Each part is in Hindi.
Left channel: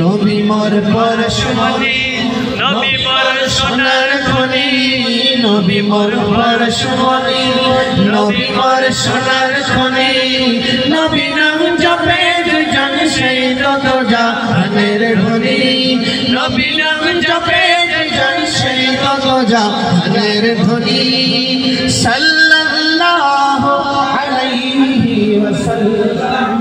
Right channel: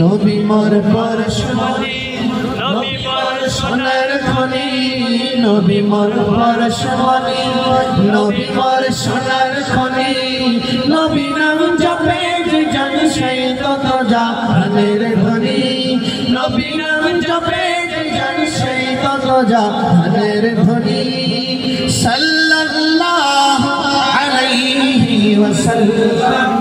নবী মোর পরশমণি, নবী মোর সোনার খনি, নবী মোর পরশমণি, নবী মোর সোনার খনি। নবী নাম জপে জন সেই তত জাহানের ধনী, নবী নাম জপে জন সেই তত জাহানের ধনী। সাল্লাল্লাহু আলাইহি ওয়াসাল্লাম,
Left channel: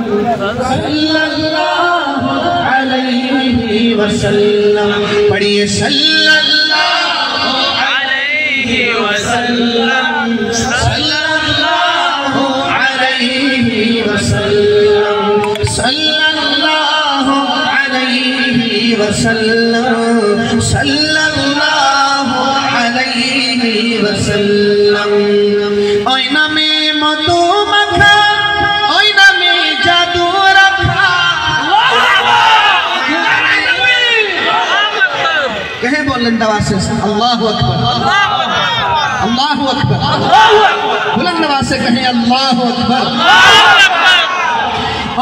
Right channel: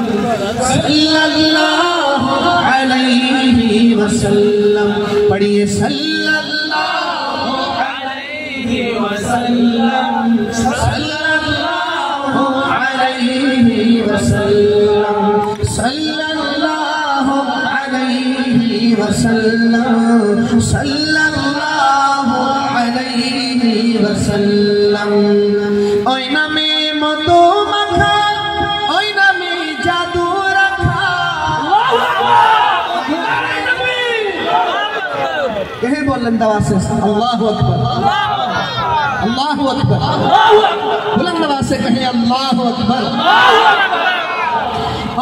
সাল্লাল্লাহু আলাইহি ওয়াসাল্লাম। পढ़िए सल्लल्लाहु अलैहि वसल्लम, सल्लल्लाहु अलैहि वसल्लम, सल्लल्लाहु अलैहि वसल्लम, सल्लल्लाहु अलैहि वसल्लम। ओय नामे मधु माखा, ओय नामे जादू रखा। कहे बुलंद आवाज से अल्लाहु अकबर, अल्लाहु अकबर, बुलंद आवाज से कहे अल्लाहु अकबर।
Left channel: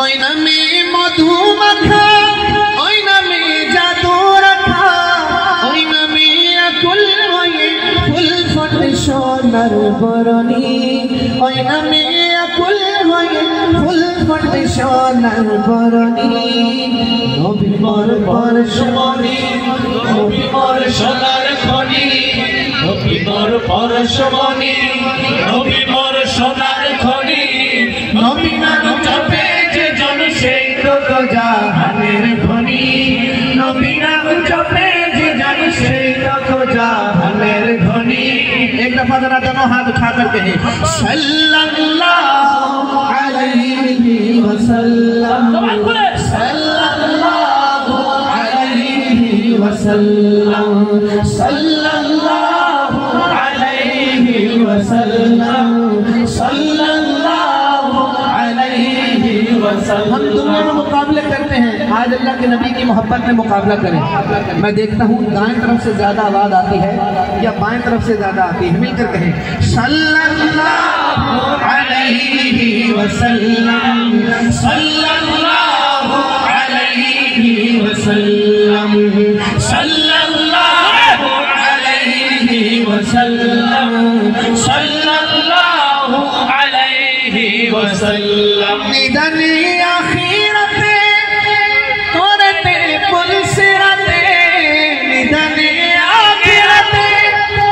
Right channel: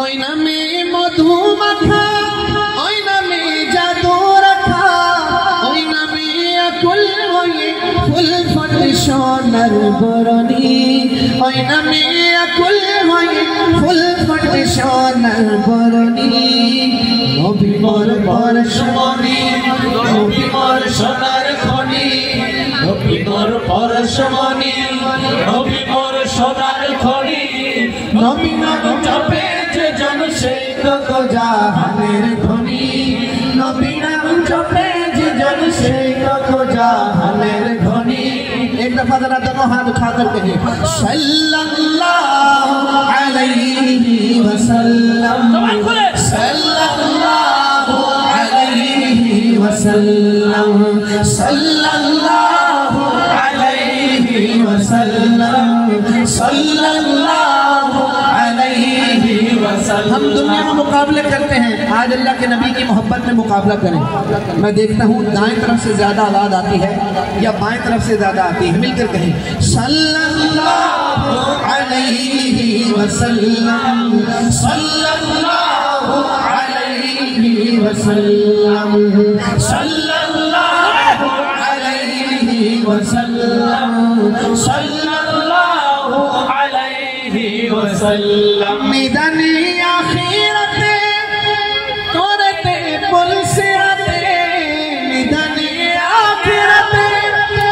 ओय नामे मधु माखा, ओय नामे जादू रखा, ओय नामे अकुल होए फुल फट सोनार बरनी, ओय नामे अकुल होए फुल फट सोनार बरनी। नबी मोर परशमणि, नबी मोर सोनार खनि, नबी मोर परशमणि, नबी मोर सोनार खनि। नबी नाम जपे জন সেই তত জাহানের ধনী, নবী নাম জপে জন সেই তত জাহানের ধনী। एक दफा जरा दोनों हाथ उठा कर कहे सल्लल्लाहु अलैहि वसल्लम, सल्लल्लाहु अलैहि वसल्लम, सल्लल्लाहु अलैहि वसल्लम, सल्लल्लाहु अलैहि वसल्लम। हम दुनिया में मुकाबले करते हैं, आज अल्लाह के नबी की मोहब्बत में मुकाबला करें। मैं देखता हूँ दाएं तरफ से ज्यादा आवाज आती है या बाएं तरफ से ज्यादा आती है, मिलकर कहें सल्लल्लाहु अलैहि वसल्लम, सल्लल्लाहु अलैहि वसल्लम, सल्लल्लाहु अलैहि वसल्लम, सल्लल्लाहु अलैहि वसल्लम। मैदानी आखिरते तोरते पुलसिरते, मैदानी आखिरते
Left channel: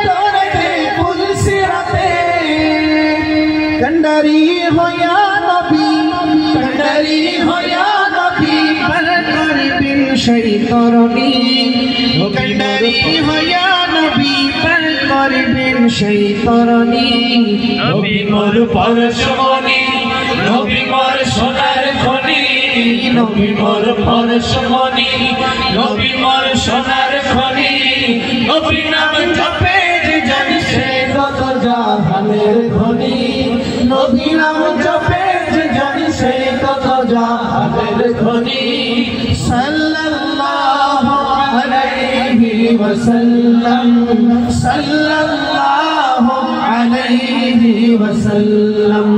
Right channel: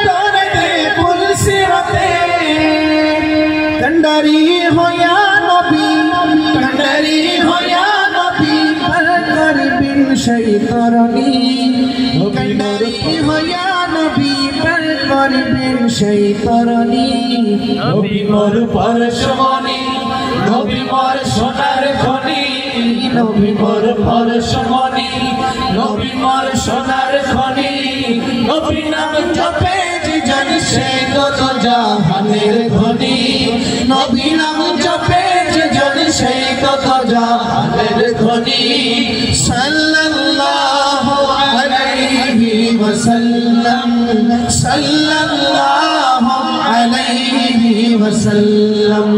तोरते पुलसिरते। कंडारी हो या नबी, कंडारी हो या नबी, पर करी बिन शैतानी। कंडारी हो या नबी, पर करी बिन शैतानी। नबी मोर परशमणि, नबी मोर सोनार खनि, नबी मोर परशमणि, नबी मोर सोनार खनि। नबी नाम जपे জন সেই তত জাহানের ধনী, নবী নাম জপে জন সেই তত জাহানের ধনী। সাল্লাল্লাহু আলাইহি ওয়াসাল্লাম, সাল্লাল্লাহু আলাইহি ওয়াসাল্লাম,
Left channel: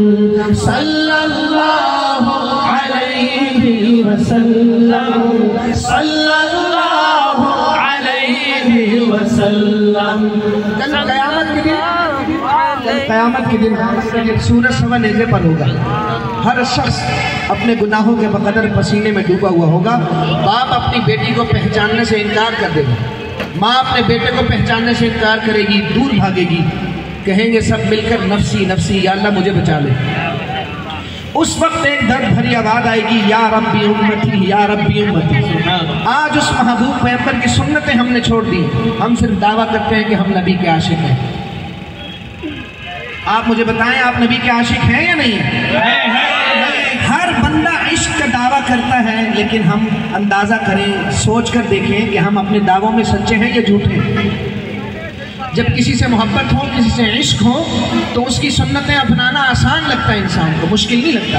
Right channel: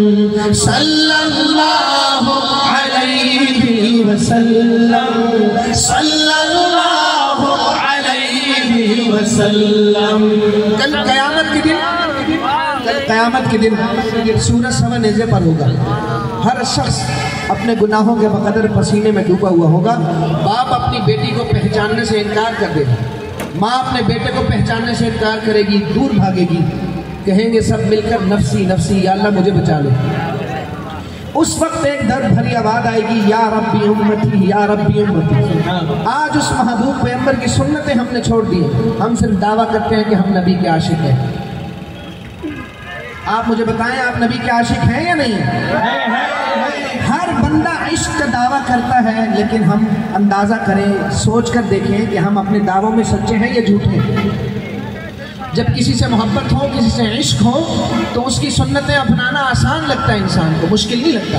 সাল্লাল্লাহু আলাইহি ওয়াসাল্লাম, সাল্লাল্লাহু আলাইহি ওয়াসাল্লাम। कल क़यामत के दिन सूरज सवा नेज़े पर होगा। हर शख्स अपने गुनाहों के बकदर पसीने में डूबा हुआ होगा। बाप अपनी बेटी को पहचानने से इनकार कर देगा, माँ अपने बेटे को पहचानने से इनकार करेगी, दूर भागेगी। कहेंगे सब मिलकर नफसी नफसी, या अल्लाह मुझे बचा ले। उस वक्त एक दर्द भरी आवाज आएगी, या रब्बी उम्मती, या रब्बी उम्मती। आज उस महबूब पैगंबर की सुन्नतें हमने छोड़ दी, हम सिर्फ दावा करते हैं कि हम नबी के आशिक हैं। आप मुझे बताएं, आप नबी के आशिक हैं या नहीं है? हर बंदा इश्क का दावा करता है, लेकिन हम अंदाजा करें, सोच कर देखें कि हम अपने दावों में सच्चे हैं या झूठे हैं। जब किसी से मोहब्बत हो, किसी से इश्क हो, तो उसकी सुन्नतें अपनाना आसान लगता है इंसान को, मुश्किल नहीं लगता।